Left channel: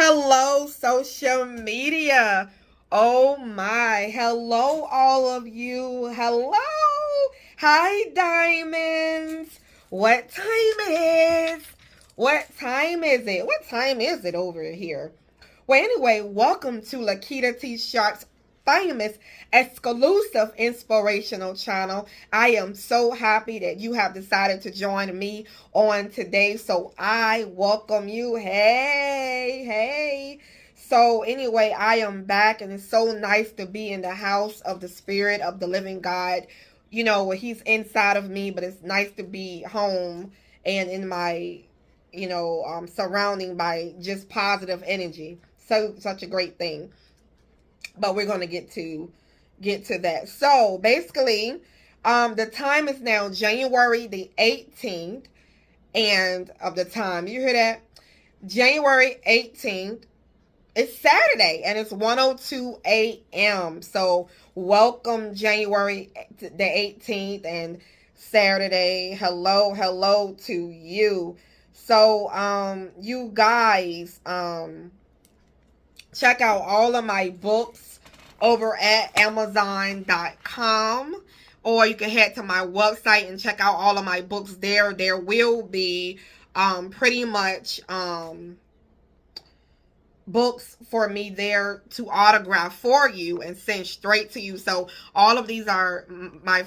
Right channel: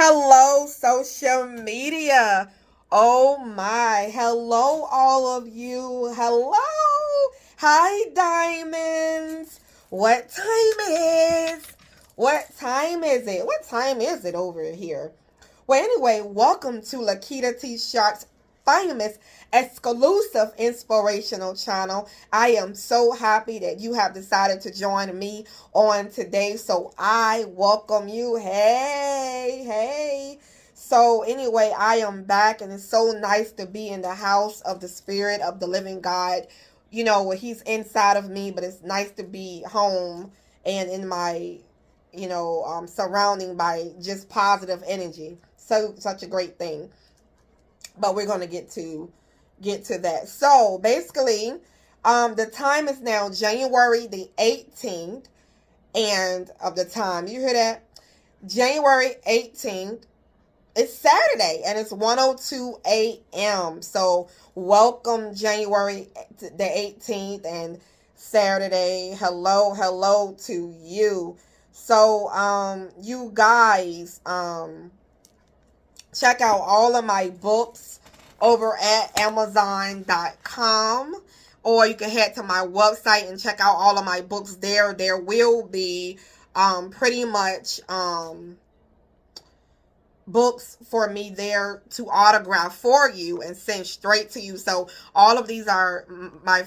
Hello, social media. Oh my. Hello, all of you. Hello. Hi, diamonds. What time is? What time is it? What time is it over here? Well, anyway, welcome to Lakitatsharpe's famous exclusive inspirational channel. I am so happy that you have decided to join me on today. So I welcome you. Hey, hey. So anyway, I am back and it's so nice to be in the house of the spirit of the living God. You know, where he's inside of me, but it's nice to be home and in my surrounding by just positive energy. So such a great thing. But we're going to get to that. So basically, the time is now January the 18th, and of the time, you hear that? January 18th. It's Saturday, and it's 1:02 a.m. So welcome January the 18th and Saturday. Hello, hello to you. So, you guys, check out all of my books over at Amazon.com, or you can head to my website and check out all of my books there. There will be, pretty much, books for me there to autograph for you and send straight to you. So all of these are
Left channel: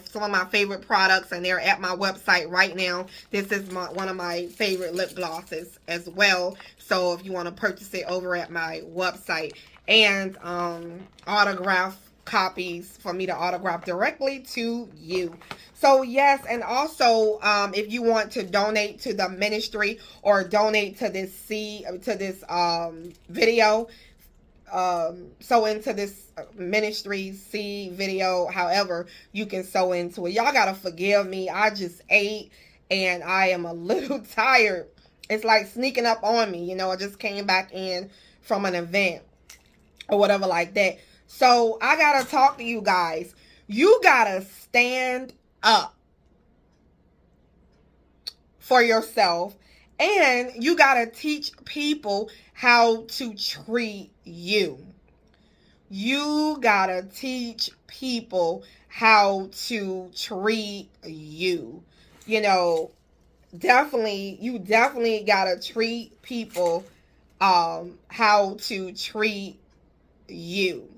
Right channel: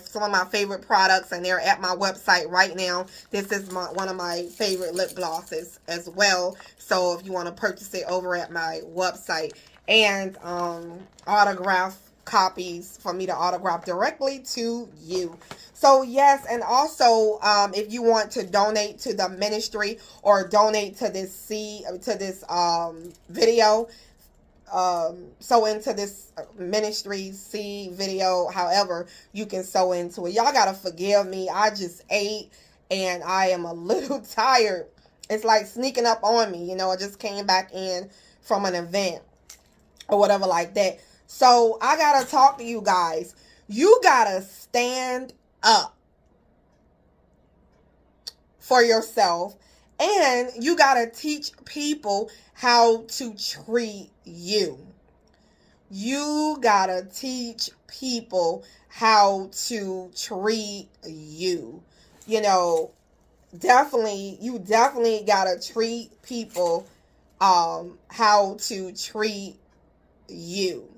some of my favorite products, and they're at my website right now. This is one of my favorite lip glosses as well. So if you want to purchase it over at my website, and autograph copies for me to autograph directly to you. So yes, and also if you want to donate to the ministry or donate to this video, sow into this ministry video, however you can sow into it. Y'all gotta forgive me. I just ate and I am a little tired. It's like sneaking up on me. I just came back in from an event or whatever like that. So I gotta talk to you guys. You gotta stand up for yourself, and you gotta teach people how to treat you. You gotta teach people how to treat you. You definitely gotta treat people how to treat you.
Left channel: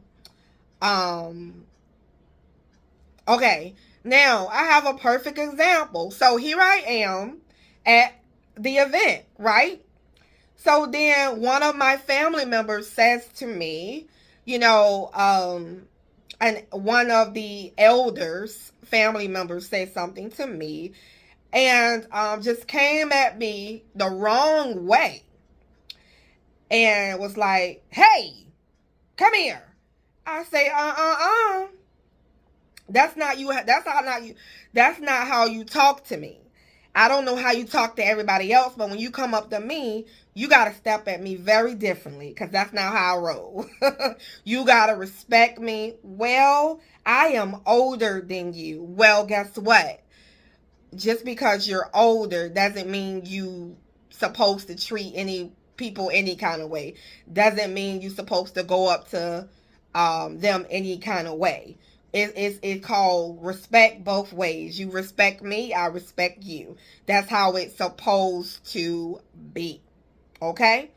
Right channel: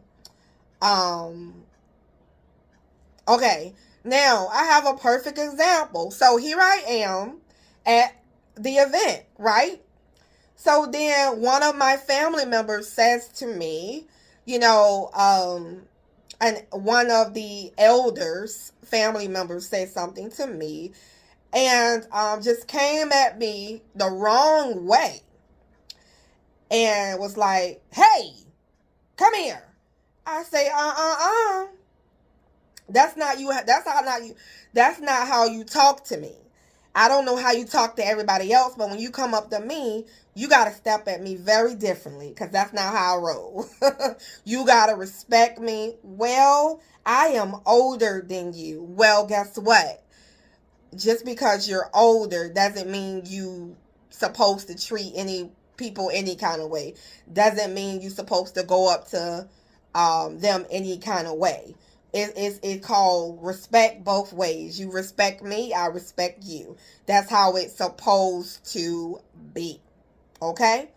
Okay, now I have a perfect example. So here I am at the event, right? So then one of my family members says to me, and one of the elders, family members, said something to me, and just came at me the wrong way, and was like, "Hey, come here." I say, That's not you. That's not how you talk to me. I don't know how you talk to everybody else, but when you come up to me, you got to step at me very differently, because that's not how I roll. You got to respect me. Well, I am older than you. Well, guess what? Just because you're older doesn't mean you supposed to treat any people any kind of way. Doesn't mean you supposed to go up to them any kind of way. It's called respect both ways. You respect me, I respect you. That's how it's supposed to be. Okay?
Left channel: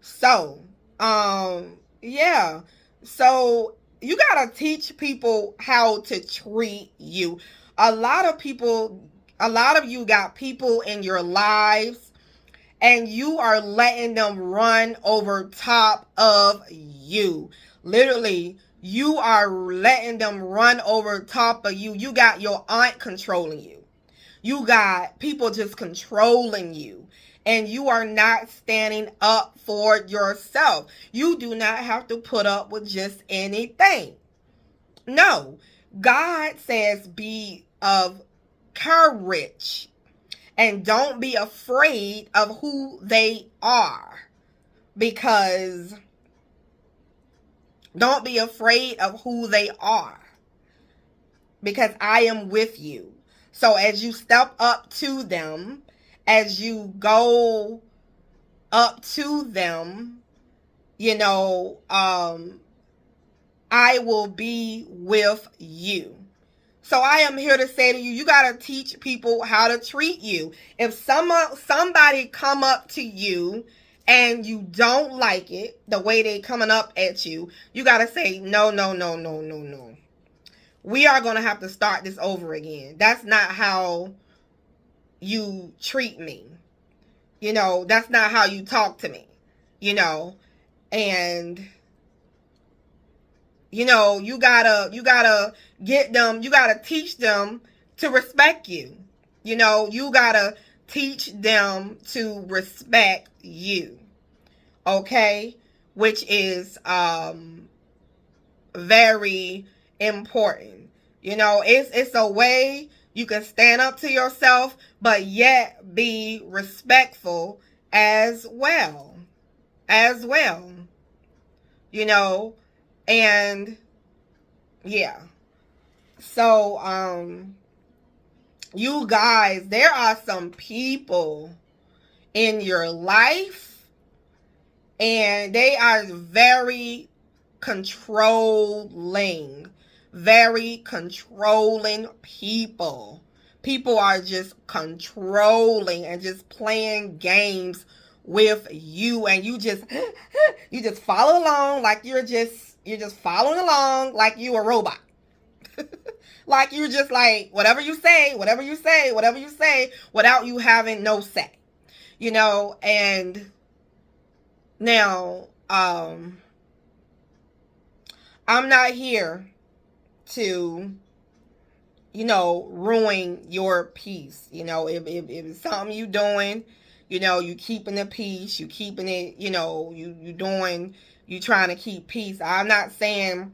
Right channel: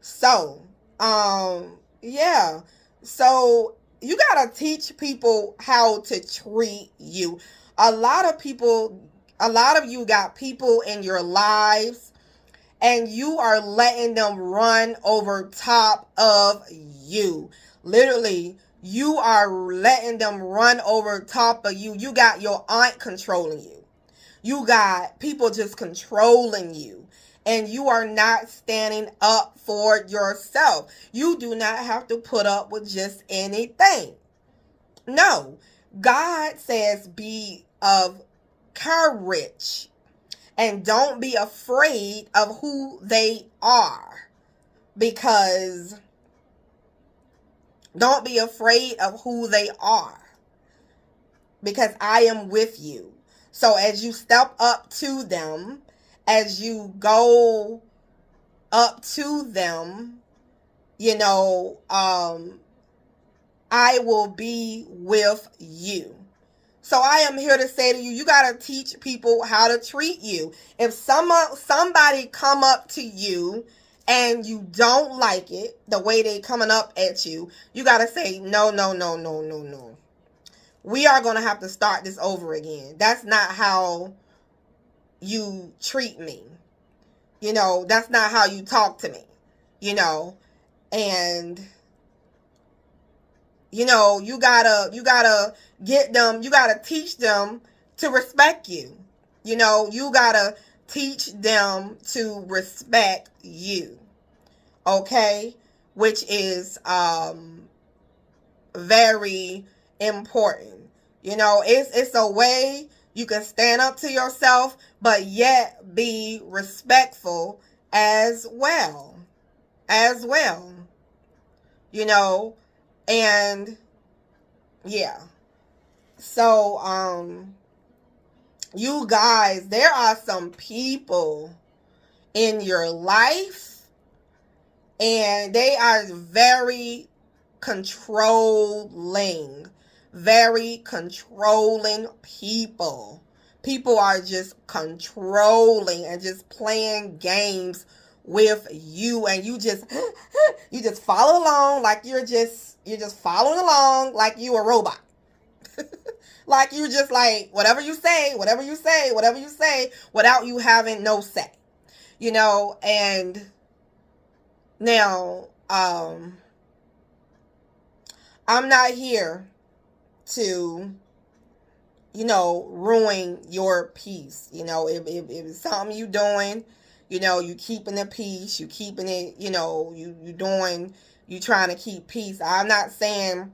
So, yeah. So, you gotta teach people how to treat you. A lot of you got people in your lives, and you are letting them run over top of you. Literally, you are letting them run over top of you. You got your aunt controlling you. You got people just controlling you. And you are not standing up for yourself. You do not have to put up with just anything. No. God says be of courage. And don't be afraid of who they are. Because don't be afraid of who they are. Because I am with you. So as you step up to them, as you go up to them, you know, I will be with you. So I am here to say to you, you got to teach people how to treat you. If somebody come up to you and you don't like it, the way they coming up at you, you got to say, no, no, no, no, no, no. We are going to have to start this over again. That's not how you treat me. You know, that's not how you talk to me. You know, and you know, you gotta get them, you gotta teach them to respect you. You know, you gotta teach them to respect you. Okay? Which is very important. You know, it's a way you can stand up to yourself, but yet be respectful as well. As well. You know, and yeah. So, you guys, there are some people in your life and they are very controlling people. People are just controlling and just playing games with you, and you just follow along like you're just following along like you a robot. Like you're just like whatever you say, without you having no say. You know, and now I'm not here to, you know, ruin your peace. You know, if it's something you doing, you know, you keeping the peace, you keeping it, you know, you trying to keep peace. I'm not saying,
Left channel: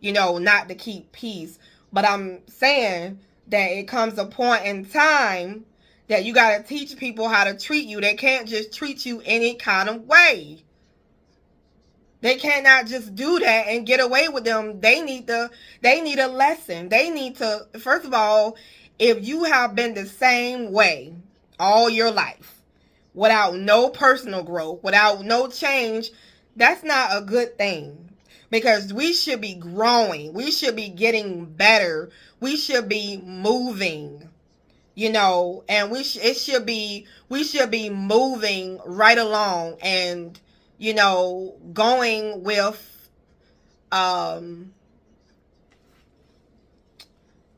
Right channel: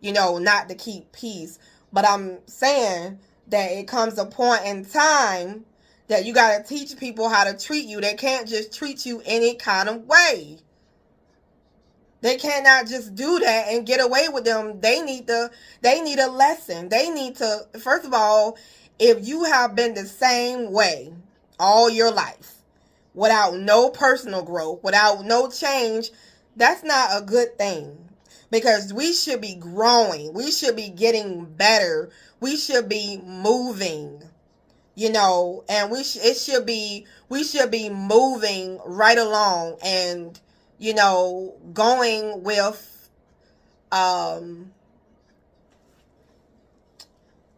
you know, not to keep peace, but I'm saying that it comes a point in time that you got to teach people how to treat you. They can't just treat you any kind of way. They cannot just do that and get away with them. They need a lesson. They need to, first of all, if you have been the same way all your life, without no personal growth, without no change, that's not a good thing. Because we should be growing. We should be getting better. We should be moving, you know, and we should be moving right along and, you know, going with,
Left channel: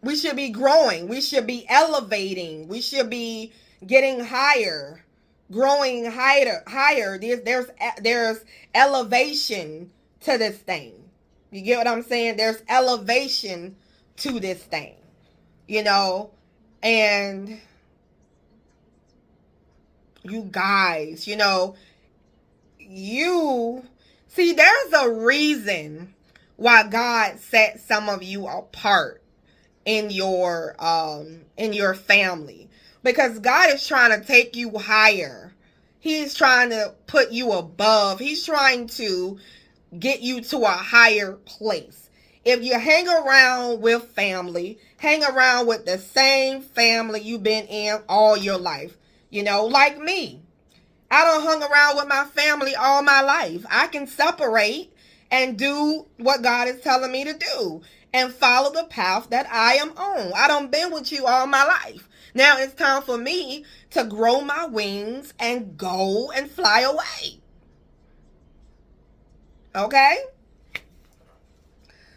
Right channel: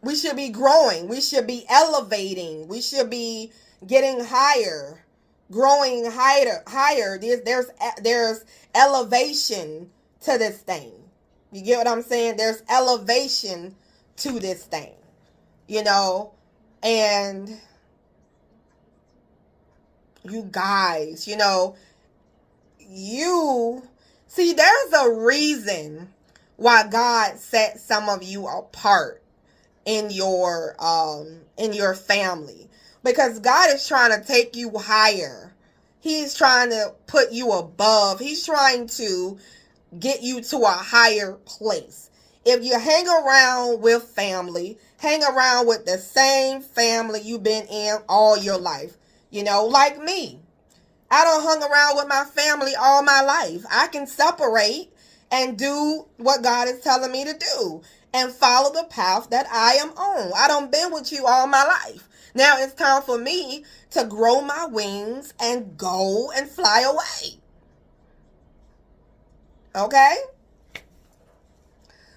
we should be growing. We should be elevating. We should be getting higher, growing higher. There's elevation to this thing. You get what I'm saying? There's elevation to this thing, you know, and you guys, you know, you see, there's a reason why God set some of you apart in your family, because God is trying to take you higher. He's trying to put you above. He's trying to get you to a higher place. If you hang around with family, hang around with the same family you've been in all your life, you know, like me. I don't hung around with my family all my life. I can separate and do what God is telling me to do and follow the path that I am on. I done been with you all my life. Now it's time for me to grow my wings and go and fly away. Okay?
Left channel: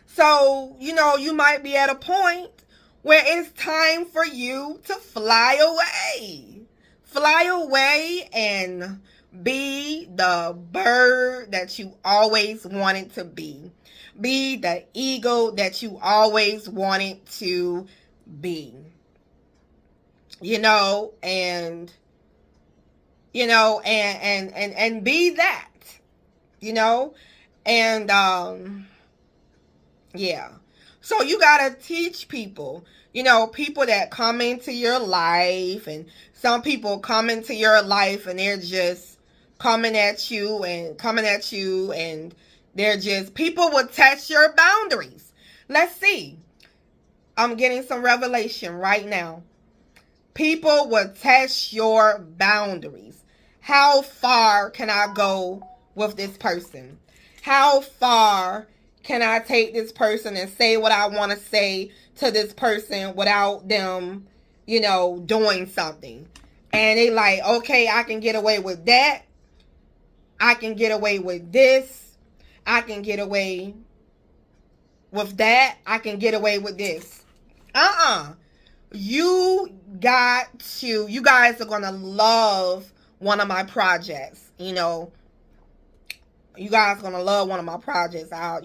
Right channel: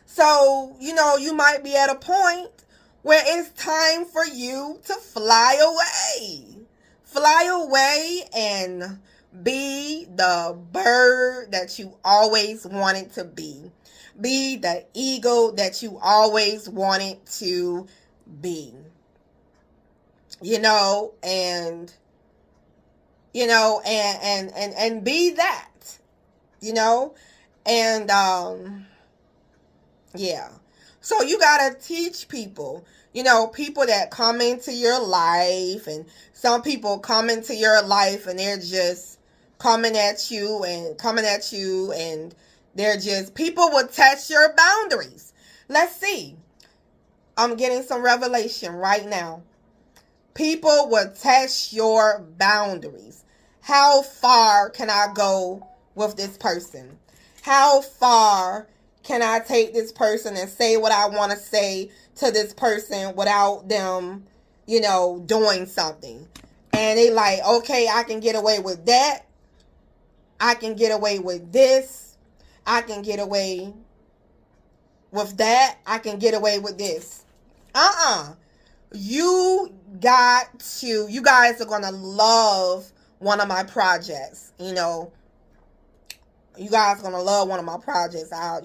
So, you know, you might be at a point where it's time for you to fly away. Fly away and be the bird that you always wanted to be. Be the eagle that you always wanted to be. You know, and be that. You know, and yeah. So you gotta teach people, you know, people that come into your life, and some people come into your life and they're just coming at you and they're just, people will test your boundaries. Let's see. I'm getting some revelation right now. People will test your boundaries. How far can I go with this person? How far can I take this person and say what I want to say to this person without them, doing something? And they like, okay, I can get away with that. I can get away with this. I can get away with that. I can get away with this. You guys are going to love one of my projects. You guys are going to love one of my projects out,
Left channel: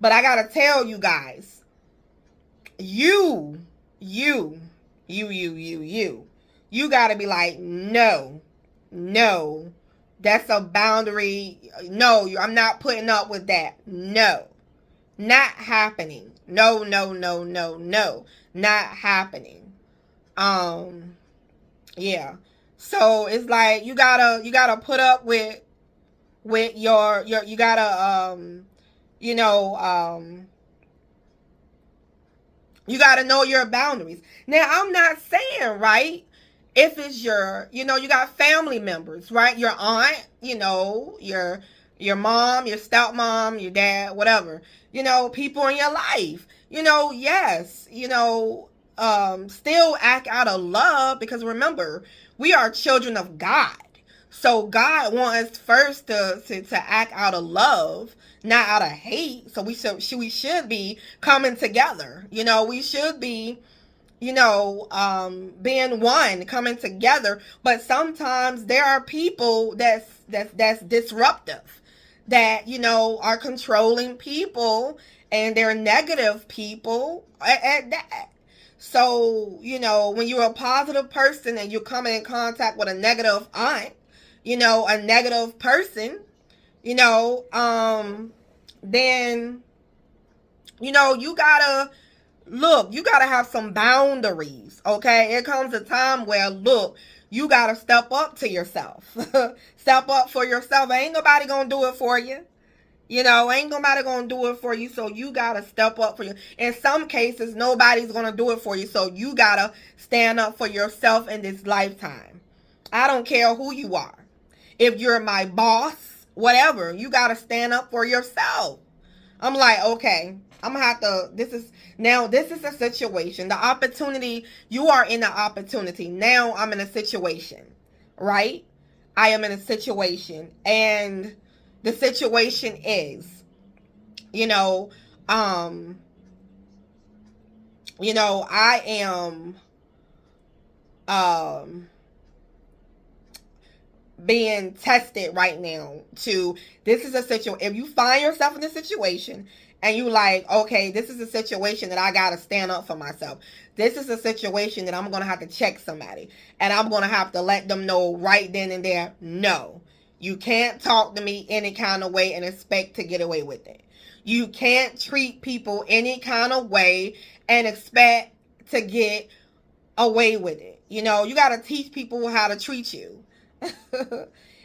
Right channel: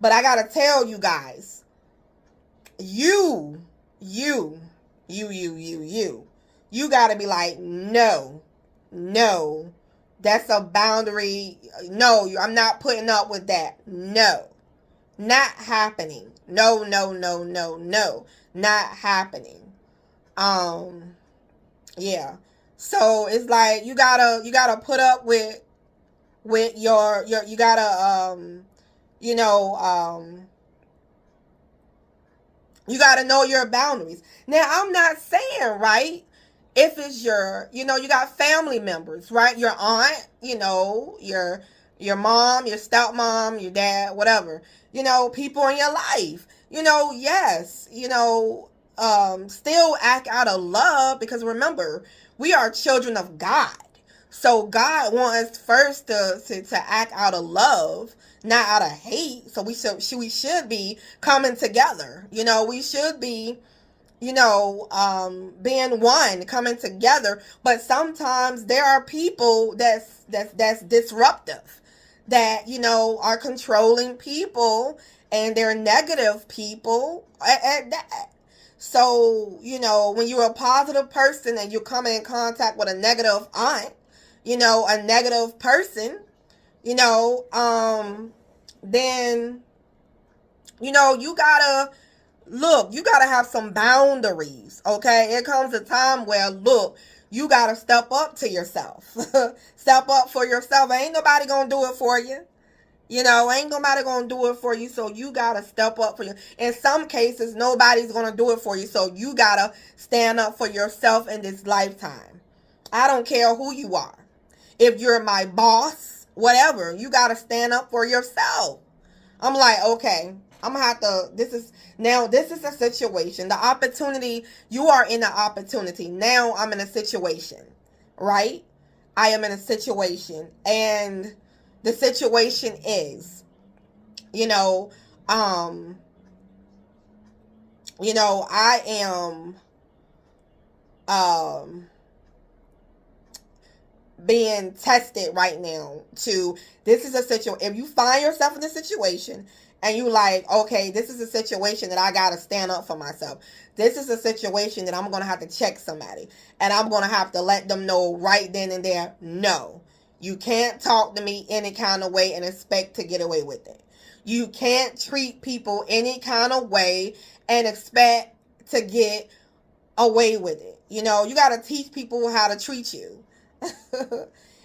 But I got to tell you guys, you got to be like, no, that's a boundary. No, I'm not putting up with that. No, not happening. No, not happening. Yeah. So it's like you gotta put up with your you gotta you gotta know your boundaries. Now, I'm not saying, right, if it's you got family members, right? Your aunt, your mom, your stepmom, your dad, whatever, people in your life, yes, still act out of love, because remember, we are children of God. So God wants us first to act out of love, not out of hate. So we should be coming together. We should be, being one, coming together. But sometimes there are people that's disruptive, that, are controlling people, and they're negative people at that. So, when you're a positive person and you come in contact with a negative aunt, a negative person, then, you gotta have some boundaries, okay? It comes a time where, you gotta step up to yourself. Step up for yourself. Ain't nobody gonna do it for you. Ain't nobody gonna do it for you, so you gotta step up for you. In some cases, nobody's gonna do it for you, so you gotta stand up for yourself in this lifetime. I don't care who you are. If you're my boss, whatever, you gotta stand up for yourself. I'm like, okay, I'm gonna have to, this is a situation. The opportunity, you are in the opportunity. Now I'm in a situation, right? I am in a situation, and the situation is, I am being tested right now this is a situation. If you find yourself in a situation and you like, okay, this is a situation that I got to stand up for myself. This is a situation that I'm going to have to check somebody, and I'm going to have to let them know right then and there, no, you can't talk to me any kind of way and expect to get away with it. You can't treat people any kind of way and expect to get away with it. You got to teach people how to treat you.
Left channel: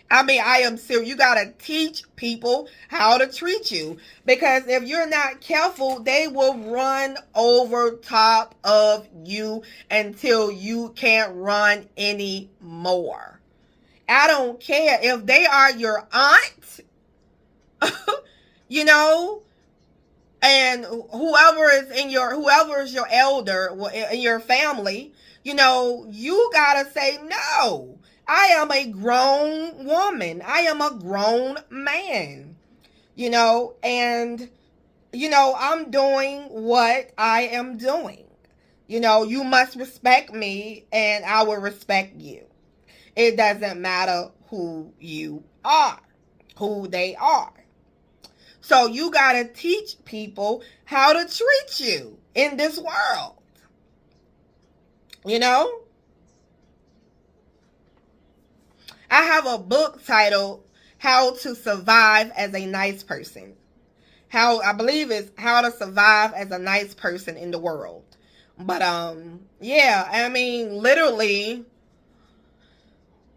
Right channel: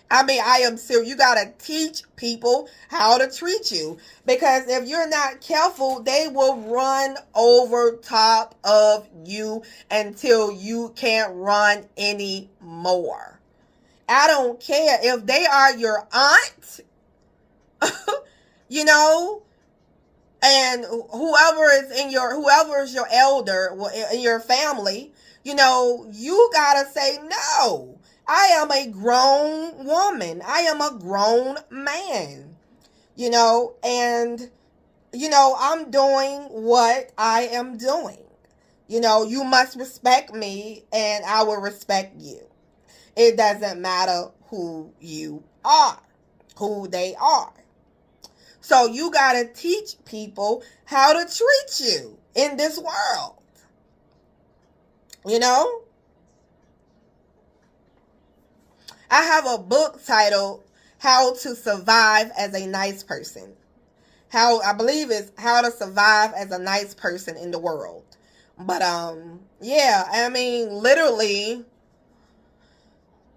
I mean, I am serious. You got to teach people how to treat you, because if you're not careful, they will run over top of you until you can't run anymore. I don't care if they are your aunt, and whoever is your elder in your family, you got to say no. I am a grown woman. I am a grown man, and, I'm doing what I am doing. You must respect me and I will respect you. It doesn't matter who you are, who they are. So you got to teach people how to treat you in this world, I have a book titled How to Survive as a Nice Person. I believe it's How to Survive as a Nice Person in the World. But, yeah, I mean, literally,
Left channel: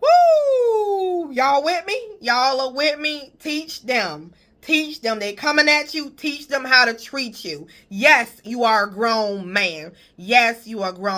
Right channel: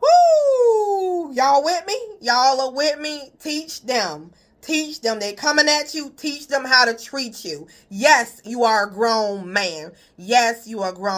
woo! Y'all with me? Y'all are with me? Teach them. Teach them. They coming at you. Teach them how to treat you. Yes, you are a grown man. Yes, you are grown.